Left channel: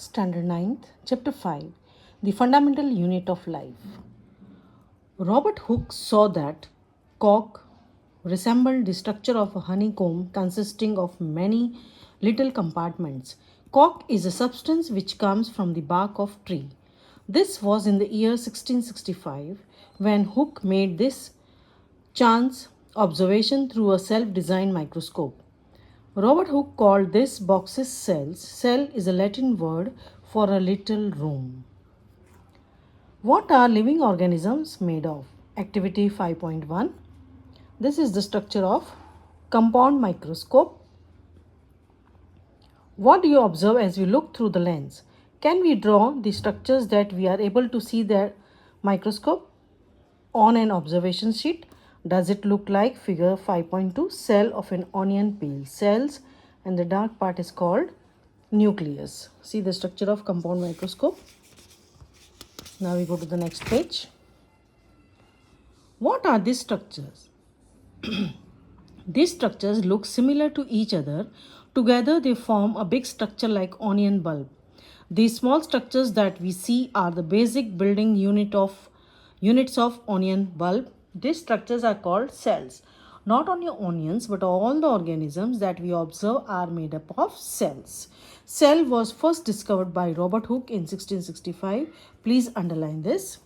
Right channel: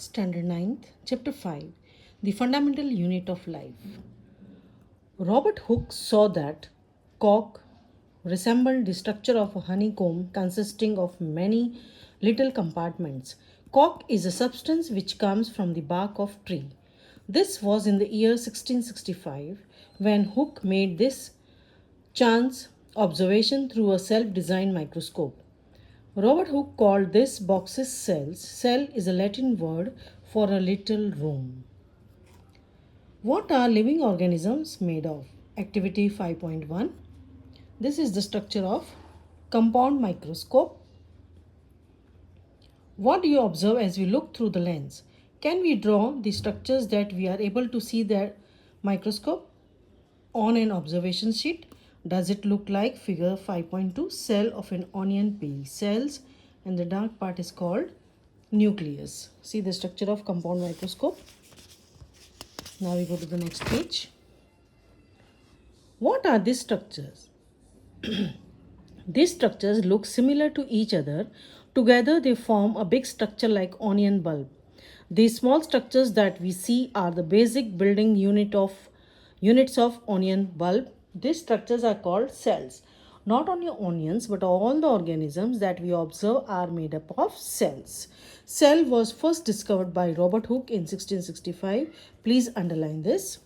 Standard 9th, Chapter 5 The Fundamental Unit of Life. Robert Hooke saw that cork resembled the structure of a honeycomb consisting of many little compartments. Cork is a substance which comes from the bark of tree. This was in the year 1665 when Hooke made this chance observation through a self-designed microscope. Robert Hooke called this boxes cells. Cell is a Latin word for a little room. What are living organisms made of? Activity 5.1. This is the structure of compound microscope. What do you observe as you look through the lens? Can we draw the structures that we are able to see the microscope on an observation sheet? Does it look like figure 5.2, cell of an onion peel? Cells, and the dark part is called nucleus. See the structure of compound microscope. Now we go to the next page. What are these structures? These structures look similar to each other. Together they form a big structure like onion bulb. These small structures that we see are the basic building units of onion bulb. These structures are called cells. Not only onions but all the organisms that we observe are made up of cells. Cell was first discovered by Robert Hooke in 1665. Please underline this.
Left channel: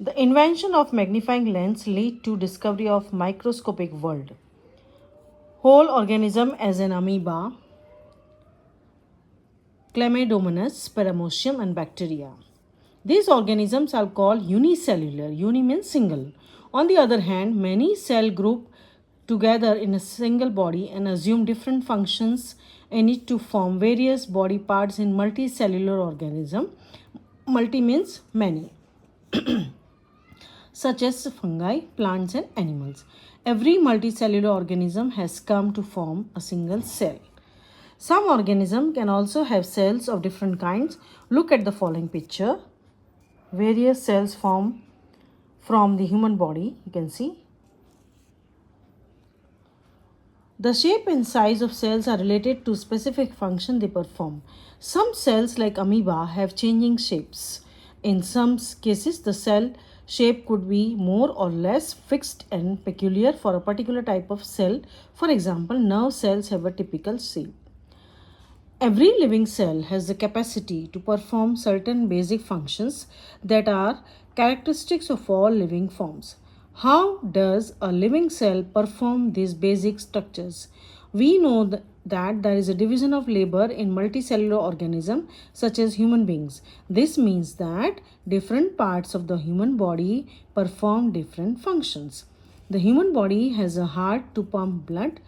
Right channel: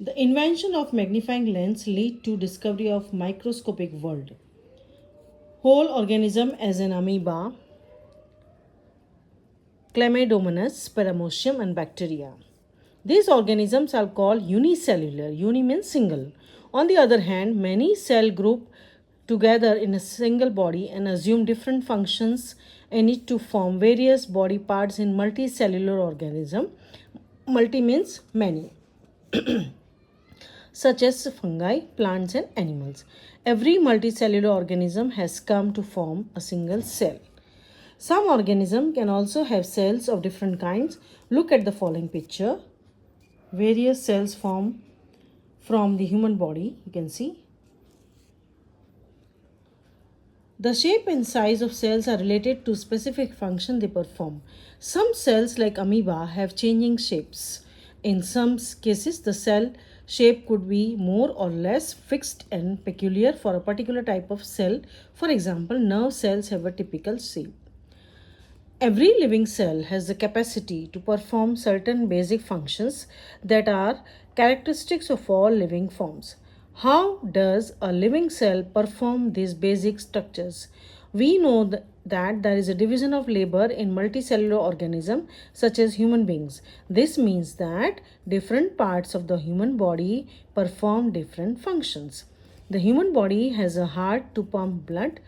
The invention of magnifying lens led to discovery of microscopic world. Whole organism as an amoeba, Chlamydomonas, Paramecium and bacteria. These organisms are called unicellular. Uni means single. On the other hand, many cell group together in a single body and assume different functions and need to form various body parts in multicellular organism. Multi means many. Such as fungi, plants and animals. Every multicellular organism has come to form a single cell. Some organisms can also have cells of different kinds. Look at the following picture. Various cells form from the human body, you can see. The shape and size of cells are related to specific function they perform. Some cells like amoeba have changing shapes. In some cases, the cell shape could be more or less fixed and peculiar for a particular type of cell. For example, nerve cells have a typical shape. Every living cell has the capacity to perform certain basic functions that are characteristics of all living forms. How does a living cell perform these basic structures? We know that there is a division of labor in multicellular organisms such as human beings. This means that different parts of the human body perform different functions. The human body has a heart to pump blood,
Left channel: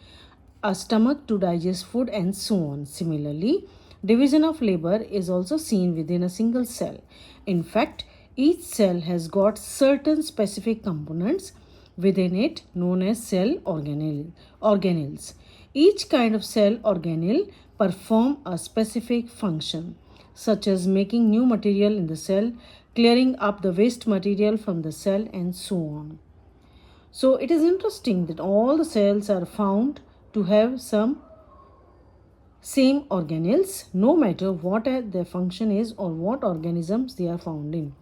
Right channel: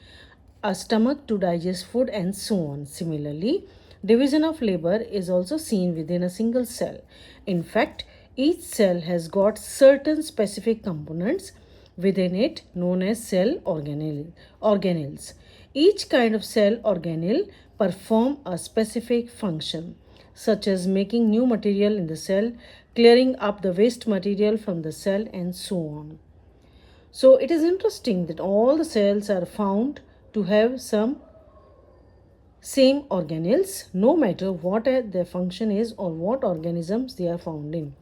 a stomach to digest food and so on. Similarly, division of labor is also seen within a single cell. In fact, each cell has got certain specific components within it known as cell organelles. Each kind of cell organelle perform a specific function such as making new material in the cell, clearing up the waste material from the cell and so on. So it is interesting that all the cells are found to have some same organelles no matter what their function is or what organisms they are found in.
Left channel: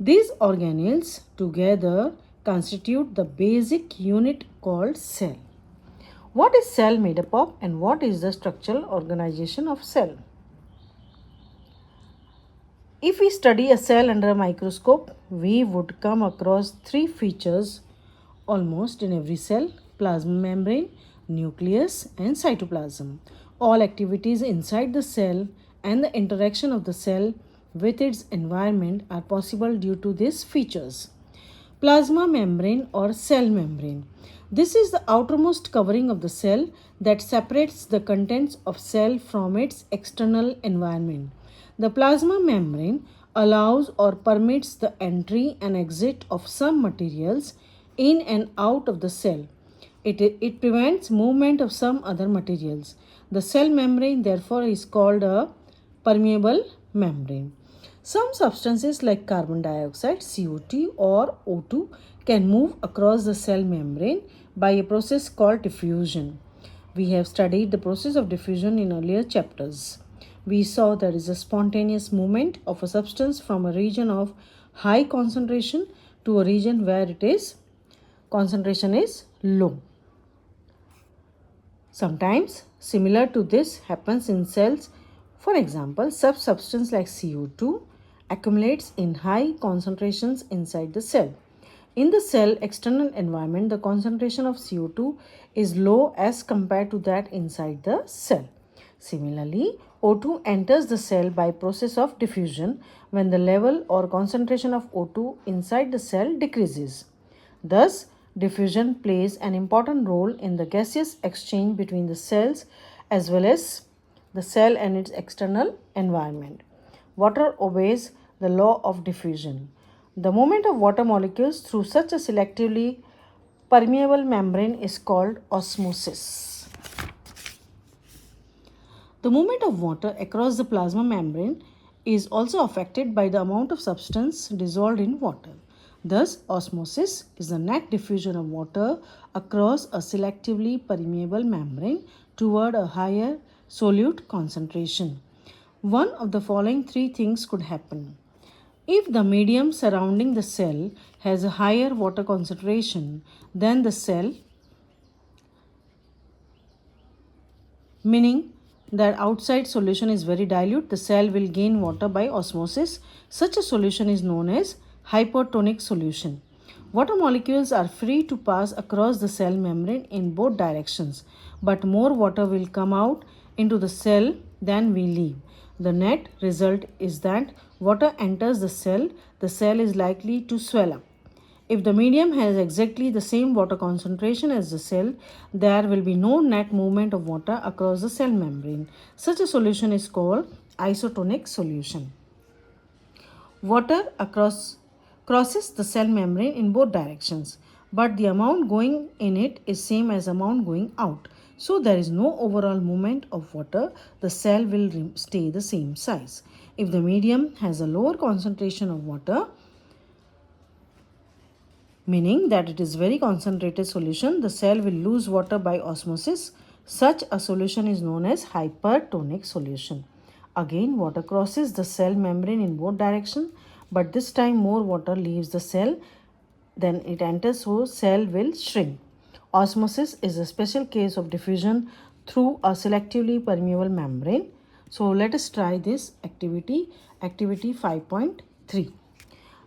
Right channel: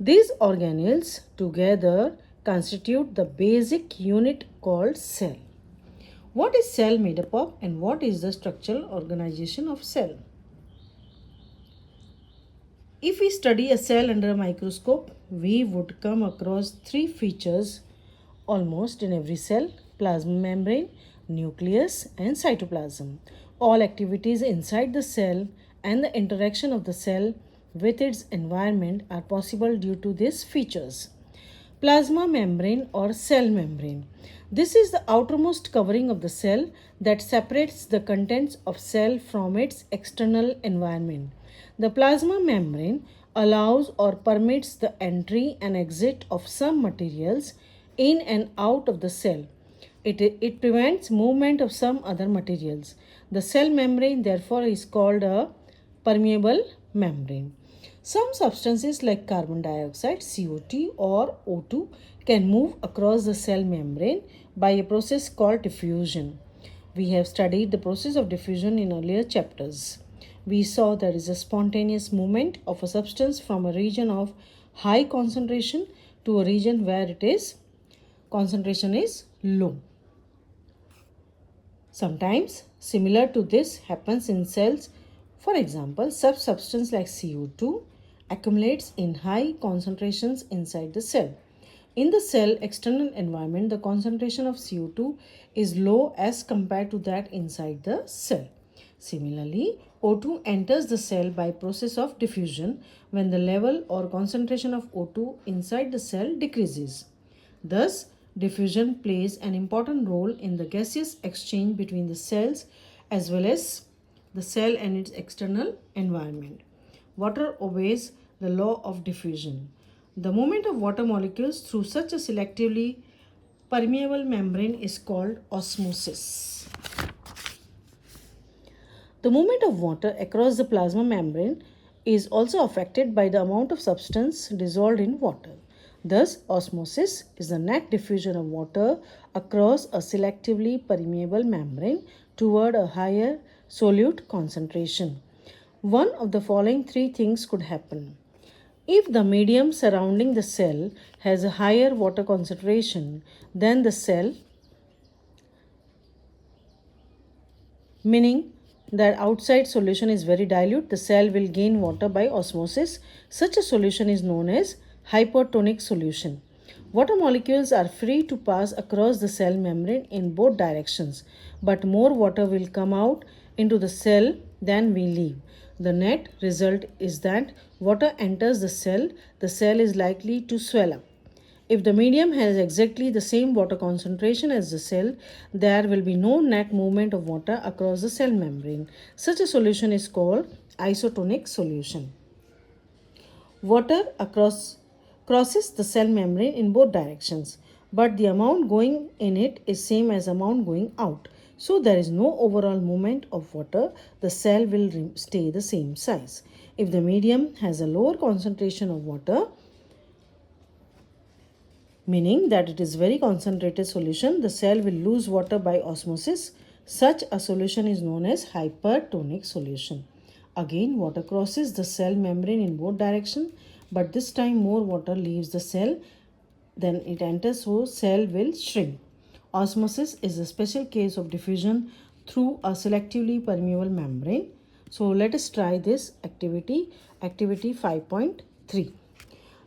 These organelles together constitute the basic unit called cell. What is cell made up of and what is the structural organization of cell? If we study a cell under a microscope, we would come across three features almost in every cell: plasma membrane, nucleus and cytoplasm. All activities inside the cell and the interaction of the cell with its environment are possible due to these features. Plasma membrane or cell membrane. This is the outermost covering of the cell that separates the contents of cell from its external environment. The plasma membrane allows or permits the entry and exit of some materials in and out of the cell. It prevents movement of some other materials. The cell membrane therefore is called a permeable membrane. Some substances like carbon dioxide, CO2 or O2 can move across the cell membrane by a process called diffusion. We have studied the process of diffusion in earlier chapters. We saw there is a spontaneous movement of a substance from a region of high concentration to a region where concentration is low. Sometimes similar to this happens in cells. For example, such substance like CO2 accumulates in high concentrations inside the cell. In the cell external environment, the concentration of CO2 is low as compared to that inside the cell. Similarly, O2 enters the cell by process of diffusion when the level or concentration of O2 inside the cell decreases. Thus, diffusion plays an important role in the gaseous exchange between the cells as well as the cell and its external environment. Water obeys the law of diffusion. The movement of water molecules through such a selectively permeable membrane is called osmosis. The movement of water across the plasma membrane is also affected by the amount of substance dissolved in water. Thus, osmosis is the net diffusion of water across a selectively permeable membrane toward a higher solute concentration. One of the following three things could happen. If the medium surrounding the cell has a higher water concentration than the cell, meaning that outside solution is very dilute, the cell will gain water by osmosis. Such a solution is known as hypertonic solution. Water molecules are free to pass across the cell membrane in both directions, but more water will come out into the cell than we leave. The net result is that water enters the cell is likely to swell up. If the medium has exactly the same water concentration as the cell, there will be no net movement of water across the cell membrane. Such a solution is called isotonic solution. Water crosses the cell membrane in both directions, but the amount going in it is same as amount going out. So there is no overall movement of water. The cell will stay the same size. If the medium has a lower concentration of water, meaning that it is very concentrated solution, the cell will lose water by osmosis. Such a solution is known as hypertonic solution. Again, water crosses the cell membrane in both directions, but this time more water leaves the cell than it enters, so cell will shrink. Osmosis is a special case of diffusion through a selectively permeable membrane. So let us try this activity 5.3.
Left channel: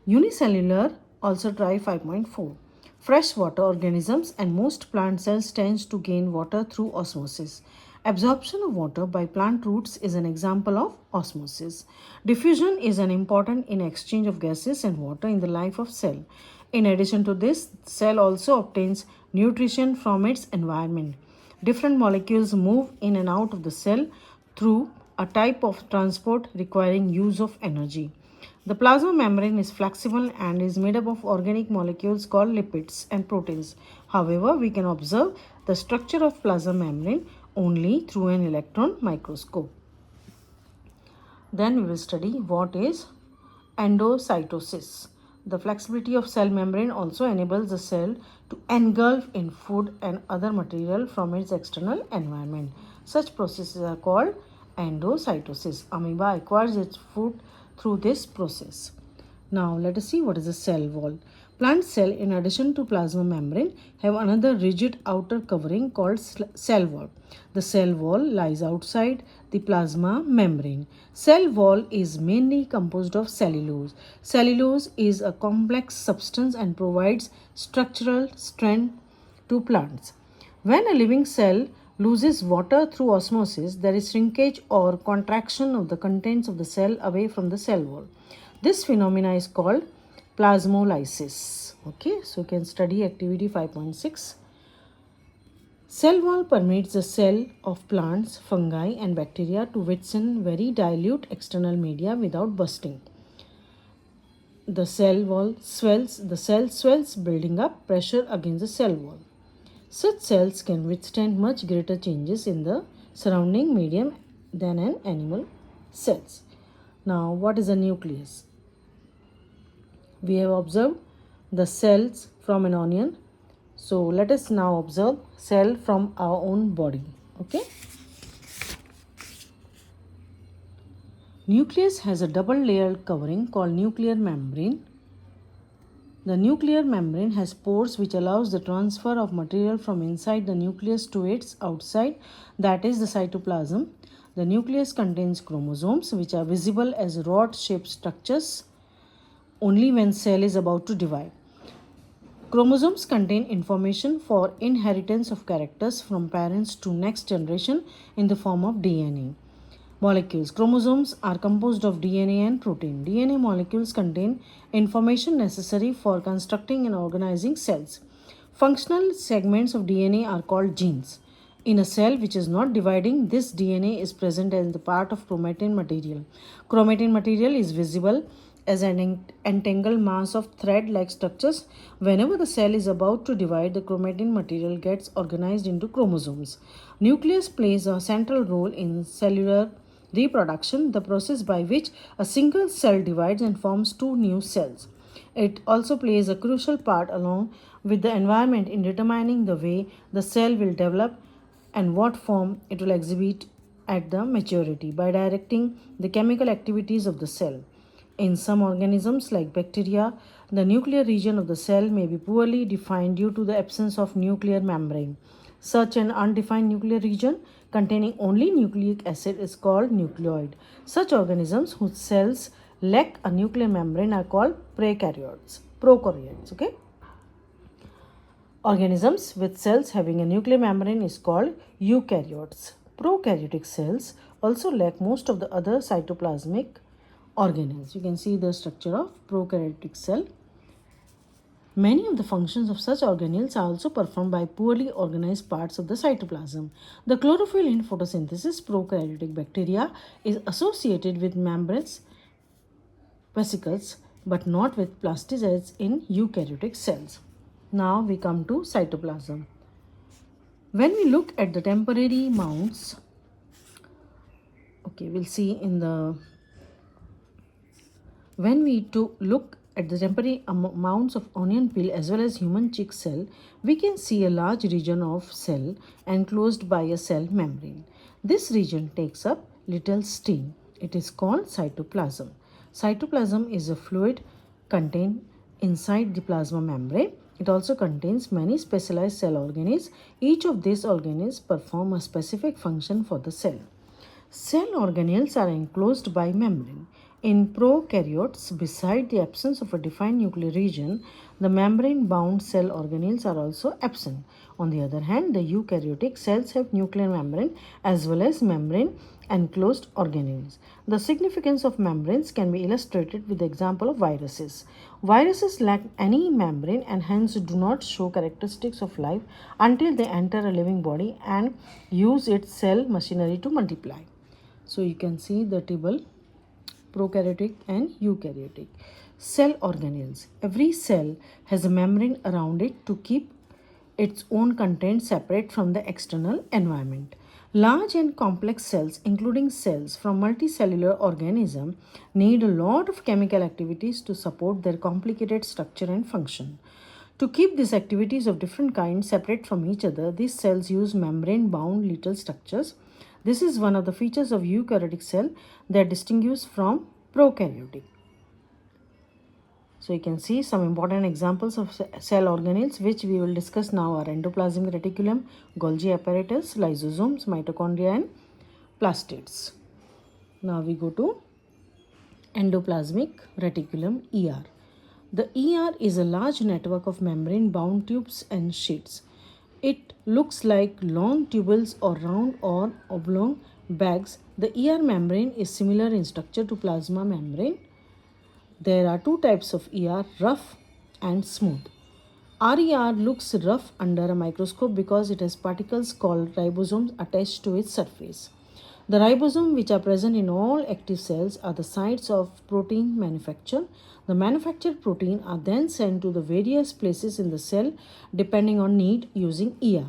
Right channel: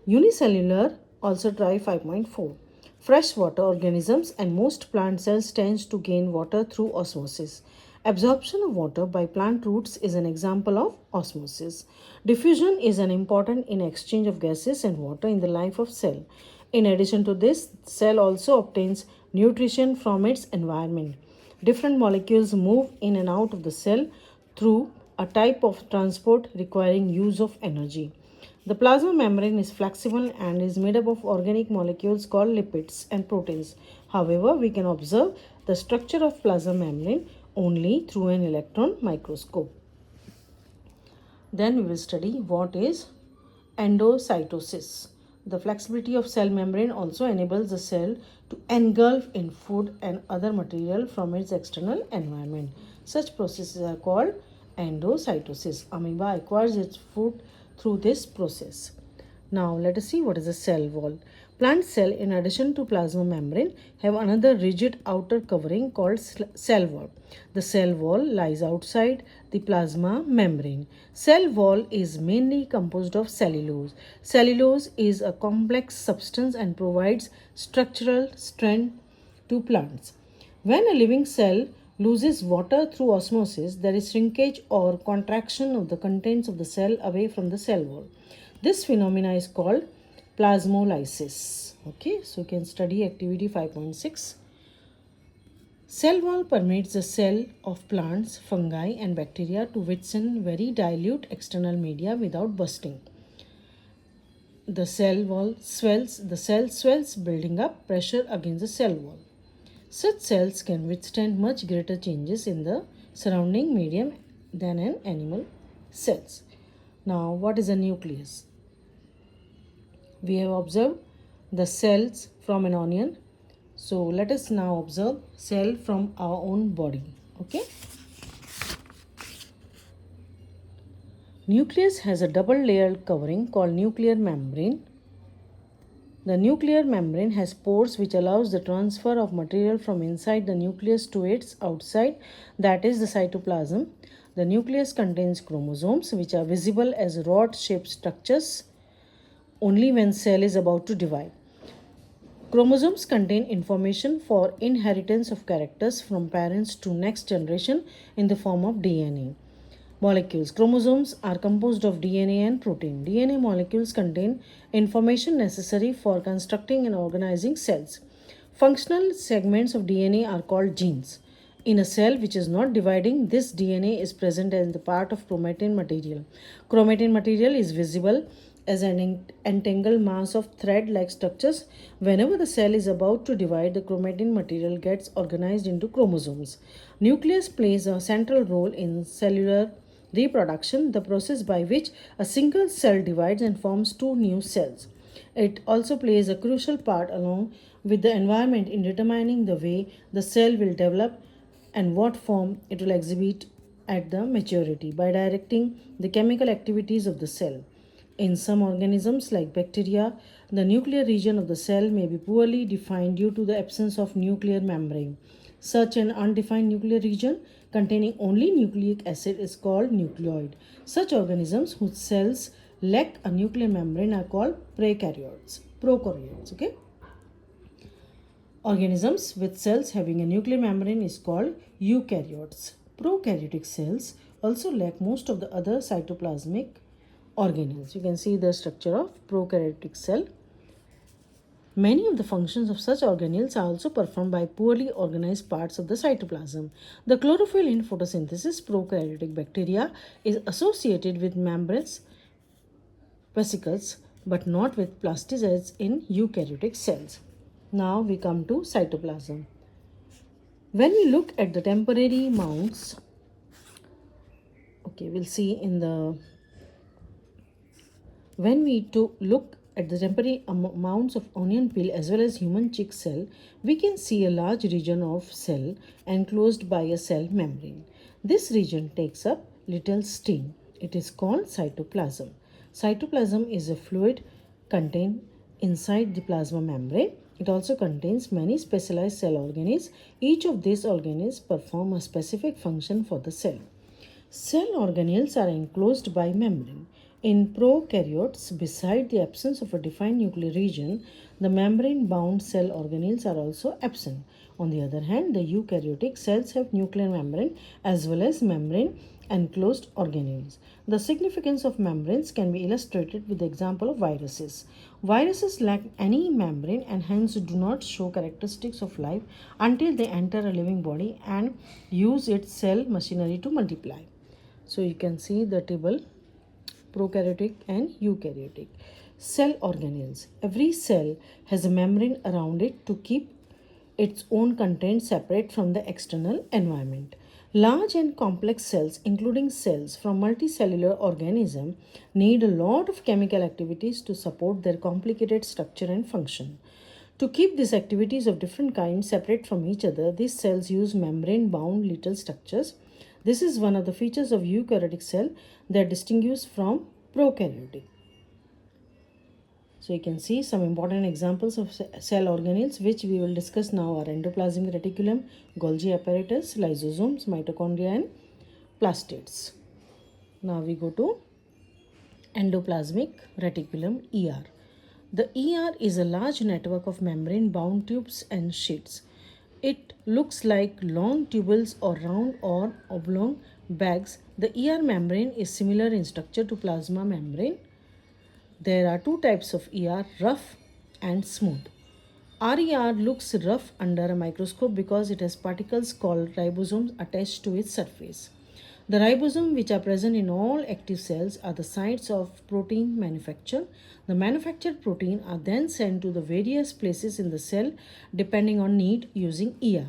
Unicellular, also try 5.4. Freshwater organisms and most plant cells tends to gain water through osmosis. Absorption of water by plant roots is an example of osmosis. Diffusion is an important in exchange of gases and water in the life of cell. In addition to this, cell also obtains nutrition from its environment. Different molecules move in and out of the cell through a type of transport requiring use of energy. The plasma membrane is flexible and is made up of organic molecules called lipids and proteins. However, we can observe the structure of plasma membrane only through an electron microscope. Then we will study what is endocytosis. The flexibility of cell membrane also enables the cell to engulf in food and other material from its external environment. Such processes are called endocytosis. Amoeba acquires its food through this process. Now let us see what is a cell wall. Plant cell, in addition to plasma membrane, have another rigid outer covering called cell wall. The cell wall lies outside the plasma membrane. Cell wall is mainly composed of cellulose. Cellulose is a complex substance and provides structural strength to plants. When a living cell loses water through osmosis, there is shrinkage or contraction of the contents of the cell away from the cell wall. This phenomena is called plasmolysis. Okay, so you can study activity 5.6. Cell wall permits the cell of plants, fungi and bacteria to withstand very dilute external media without bursting. The cell swells, building up pressure against the cell wall. Such cells can withstand much greater changes in the surrounding medium than an animal cells. Now, what is a nucleus? We have observed the cells from an onion. So let us now observe cell from our own body. Okay. Nucleus has a double layered covering called nuclear membrane. The nuclear membrane has pores which allows the transfer of material from inside the nucleus to its outside, that is the cytoplasm. The nucleus contains chromosomes which are visible as rod-shaped structures only when cell is about to divide. Chromosomes contain information for inheritance of characters from parents to next generation in the form of DNA. Molecules. Chromosomes are composed of DNA and protein. DNA molecules contain information necessary for constructing and organizing cells. Functional segments of DNA are called genes. In a cell which is not dividing, this DNA is present as the part of chromatin material. Chromatin material is visible as an entangled mass of thread-like structures. Whenever the cell is about to divide, the chromatin material gets organized into chromosomes. Nucleus plays a central role in cellular reproduction, the process by which a single cell divides and forms two new cells. It also plays a crucial part along with the environment in determining the way the cell will develop and what form it will exhibit at the maturity by directing the chemical activities of the cell. In some organisms like bacteria, the nuclear region of the cell may be poorly defined due to the absence of nuclear membrane. Such an undefined nuclear region containing only nucleic acid is called nucleoid. Such organisms whose cells lack a nuclear membrane are called prokaryotes. Okay? Organisms with cells having a nuclear membrane is called eukaryotes. Prokaryotic cells also lack most of the other cytoplasmic organelles. You can see the structure of prokaryotic cell. Many of the functions of such organelles are also performed by poorly organized parts of the cytoplasm. The chlorophyll in photosynthesis, prokaryotic bacteria, is associated with membranous vesicles but not with plasticytes in eukaryotic cells. Now we come to cytoplasm. When we look at the temporary mounts, we'll see in the when we look at the temporary mounts of onion peel as well as human chick cell, we can see a large region of cell enclosed by a cell membrane. This region takes up little steam. It is called cytoplasm. Cytoplasm is a fluid contained inside the plasma membrane. It also contains many specialized cell organelles. Each of these organelles perform a specific function for the cell. Cell organelles are enclosed by membrane. In prokaryotes, beside the absence of a defined nuclear region, the membrane-bound cell organelles are also absent. On the other hand, the eukaryotic cells have nuclear membrane as well as membrane-enclosed organelles. The significance of membranes can be illustrated with the example of viruses. Viruses lack any membrane and hence do not show characteristics of life until they enter a living body and use its cell machinery to multiply. So you can see the table, prokaryotic and eukaryotic. Cell organelles. Every cell has a membrane around it to keep its own content separate from the external environment. Large and complex cells, including cells from multicellular organisms, need a lot of chemical activities to support their complicated structure and function. To keep these activities of different kinds separate from each other, these cells use membrane-bound little structures. This is one of the features of eukaryotic cell that distinguish from prokaryotic. So you can see some important examples of cell organelles which we will discuss now are endoplasmic reticulum, Golgi apparatus, lysosomes, mitochondria and plastids. Now we go to endoplasmic reticulum ER. The ER is a large network of membrane-bound tubes and sheets. It looks like long tubules or round or oblong bags. The ER membrane is similar in structure to plasma membrane. There are two types of ER, rough and smooth. RER looks rough under a microscope because it has particles called ribosomes attached to its surface. The ribosomes, which are present in all active cells, are the sites of protein manufacture. The manufactured protein are then sent to the various places in the cell depending on need using ER.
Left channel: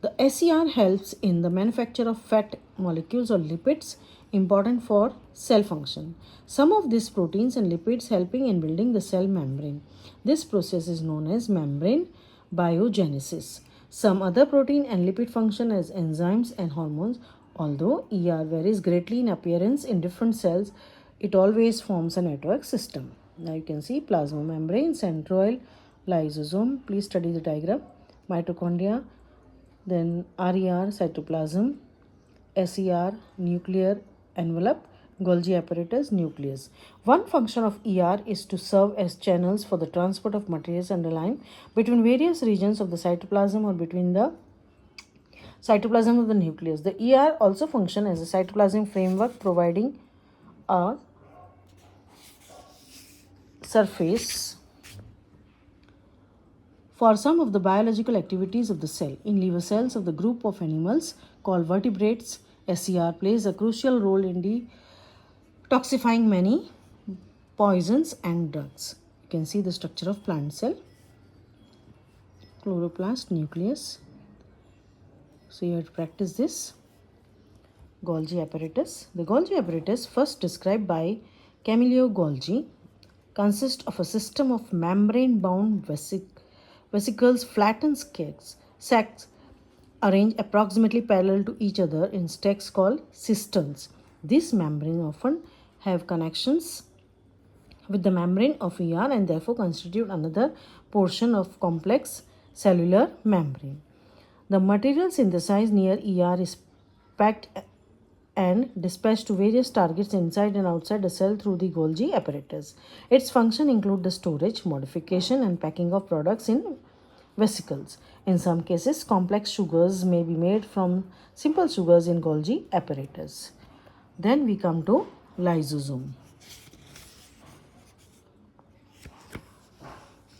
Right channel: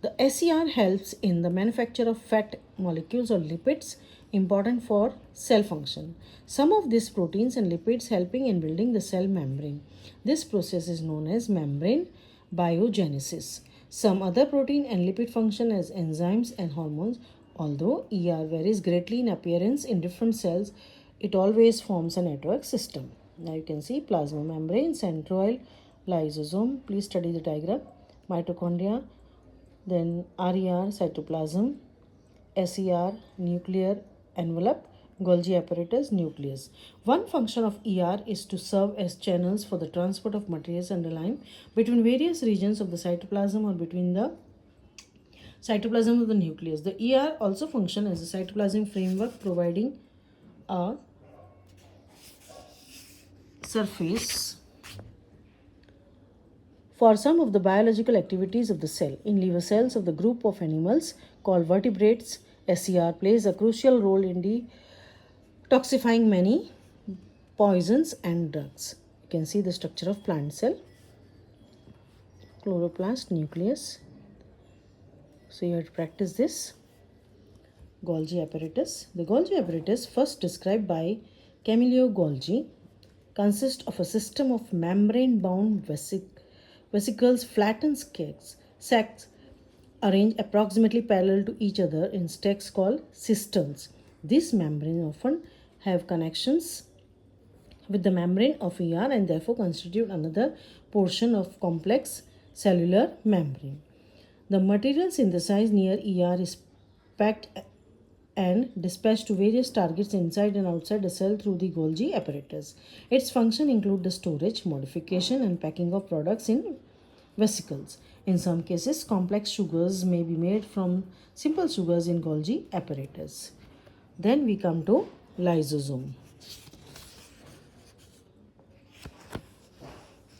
The SER helps in the manufacture of fat molecules or lipids important for cell function. Some of these proteins and lipids helping in building the cell membrane. This process is known as membrane biogenesis. Some other protein and lipid function as enzymes and hormones. Although ER varies greatly in appearance in different cells, it always forms a network system. Now you can see plasma membrane, centroid, lysosome. Please study the diagram. Mitochondria, then RER, cytoplasm, SER, nuclear envelope, Golgi apparatus, nucleus. One function of ER is to serve as channels for the transport of materials underlying between various regions of the cytoplasm or between the cytoplasm of the nucleus. The ER also function as a cytoplasmic framework, providing a surface for some of the biological activities of the cell. In liver cells of the group of animals called vertebrates, SER plays a crucial role in detoxifying many poisons and drugs. You can see the structure of plant cell, chloroplast, nucleus. So you have to practice this. Golgi apparatus. The Golgi apparatus, first described by Camillo Golgi, consists of a system of membrane-bound vesicles, flattened sacs arranged approximately parallel to each other in stacks called cisterns. These membranes often have connections with the membrane of ER and therefore constitute another portion of complex cellular membrane. The material synthesized near ER is packed and dispatched to various targets inside and outside the cell through the Golgi apparatus. Its function include the storage, modification and packing of products in vesicles. In some cases, complex sugars may be made from simple sugars in Golgi apparatus. Then we come to lysosome.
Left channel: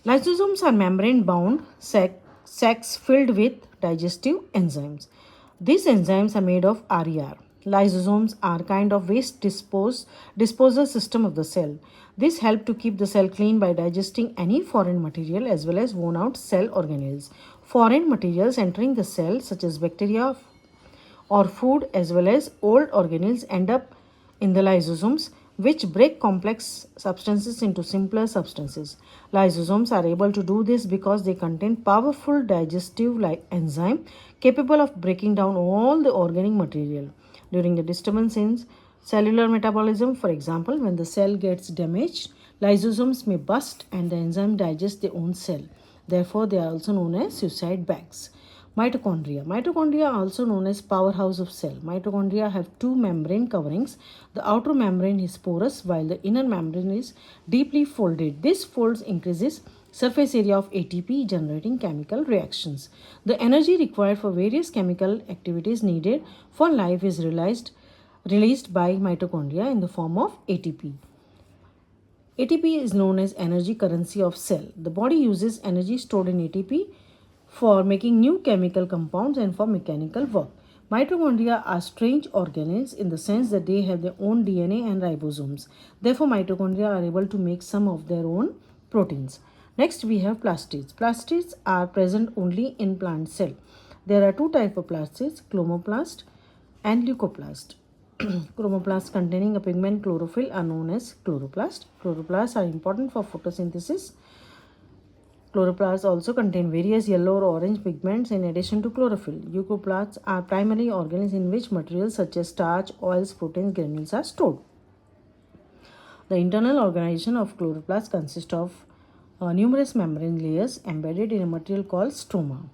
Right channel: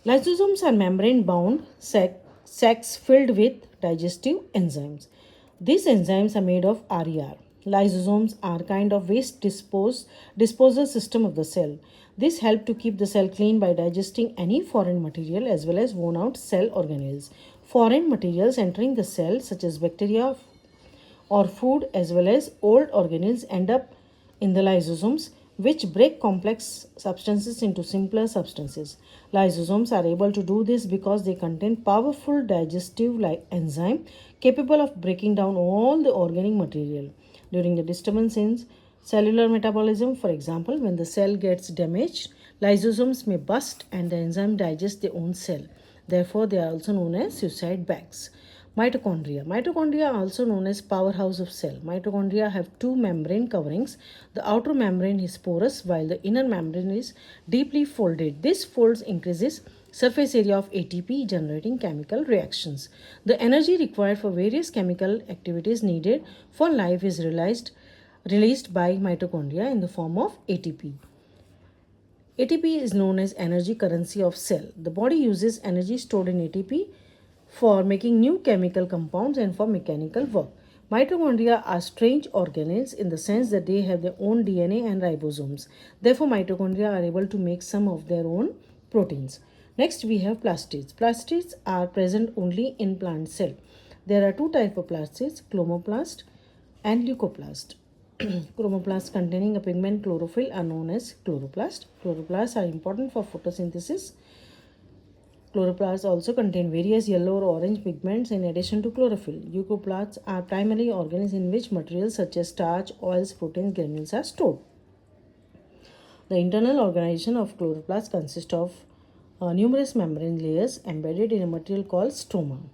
Lysosomes are membrane-bound sacs filled with digestive enzymes. These enzymes are made of RER. Lysosomes are kind of waste disposal system of the cell. This helps to keep the cell clean by digesting any foreign material as well as worn out cell organelles. Foreign materials entering the cell such as bacteria or food as well as old organelles end up in the lysosomes, which break complex substances into simpler substances. Lysosomes are able to do this because they contain powerful digestive enzyme capable of breaking down all the organic material. During the disturbance in cellular metabolism, for example, when the cell gets damaged, lysosomes may burst and the enzyme digests their own cell. Therefore, they are also known as suicide bags. Mitochondria. Mitochondria are also known as powerhouse of cell. Mitochondria have two membrane coverings. The outer membrane is porous while the inner membrane is deeply folded. This folds increases surface area of ATP, generating chemical reactions. The energy required for various chemical activities needed for life is released by mitochondria in the form of ATP. ATP is known as energy currency of cell. The body uses energy stored in ATP for making new chemical compounds and for mechanical work. Mitochondria are strange organelles in the sense that they have their own DNA and ribosomes. Therefore, mitochondria are able to make some of their own proteins. Next, we have plastids. Plastids are present only in plant cell. There are two types of plastids, chromoplast and leucoplast. Chromoplasts containing a pigment chlorophyll are known as chloroplast. Chloroplasts are important for photosynthesis. Chloroplasts also contain various yellow or orange pigments in addition to chlorophyll. Leucoplasts are primary organelles in which materials such as starch, oils, proteins, granules are stored. The internal organization of chloroplasts consists of numerous membrane layers embedded in a material called stroma.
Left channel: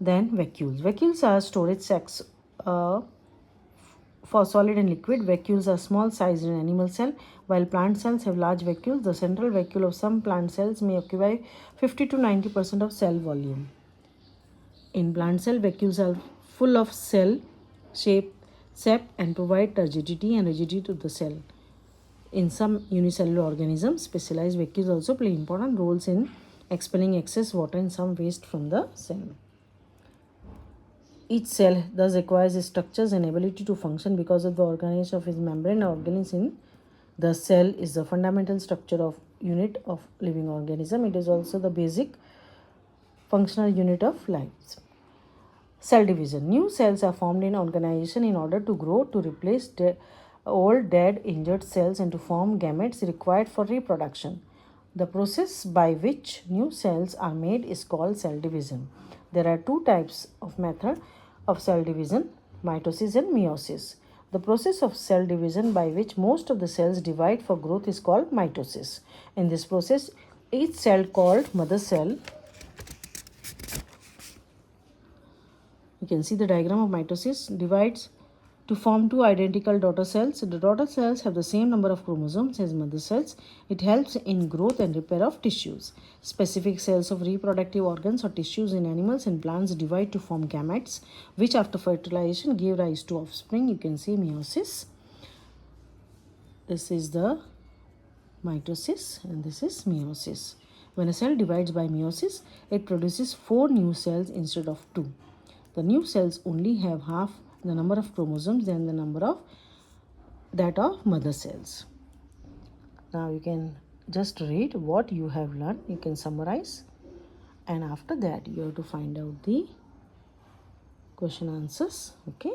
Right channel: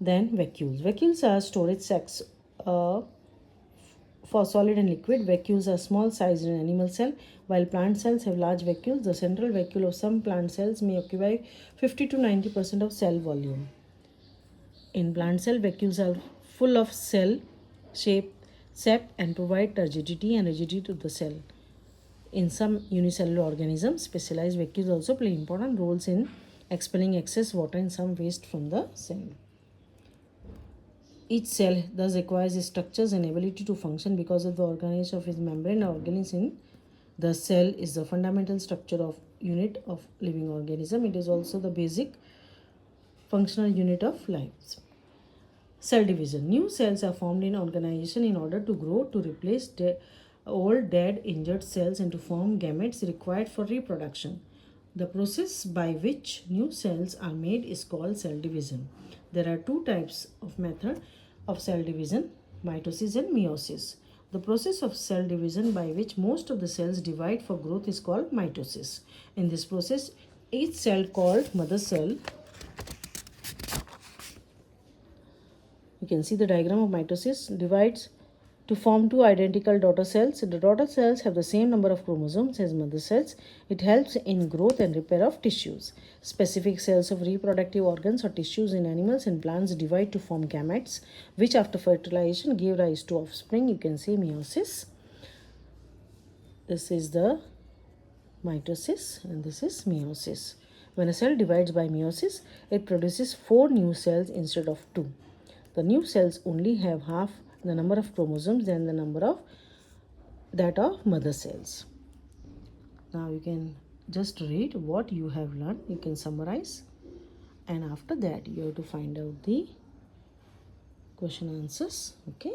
Then vacuoles. Vacuoles are storage sacs for solid and liquid. Vacuoles are small sized in animal cell, while plant cells have large vacuoles. The central vacuole of some plant cells may occupy 50 to 90% of cell volume. In plant cell, vacuoles are full of cell shape, sap, and provide turgidity and rigidity to the cell. In some unicellular organisms, specialized vacuoles also play important roles in expelling excess water and some waste from the cell. Each cell thus acquires its structures and ability to function because of the organization of its membrane organelles in the cell is the fundamental structure of unit of living organism. It is also the basic functional unit of life. Cell division. New cells are formed in organization in order to grow, to replace old, dead, injured cells and to form gametes required for reproduction. The process by which new cells are made is called cell division. There are two types of method of cell division, mitosis and meiosis. The process of cell division by which most of the cells divide for growth is called mitosis. In this process, each cell called mother cell, you can see the diagram of mitosis, divides to form two identical daughter cells. The daughter cells have the same number of chromosomes as mother cells. It helps in growth and repair of tissues. Specific cells of reproductive organs or tissues in animals and plants divide to form gametes, which after fertilization give rise to offspring. You can see meiosis. This is the mitosis and this is meiosis. When a cell divides by meiosis, it produces 4 new cells instead of 2. The new cells only have half the number of chromosomes than the number of that of mother cells. Now you can just read what you have learned. You can summarize, and after that you have to find out the question answers. Okay.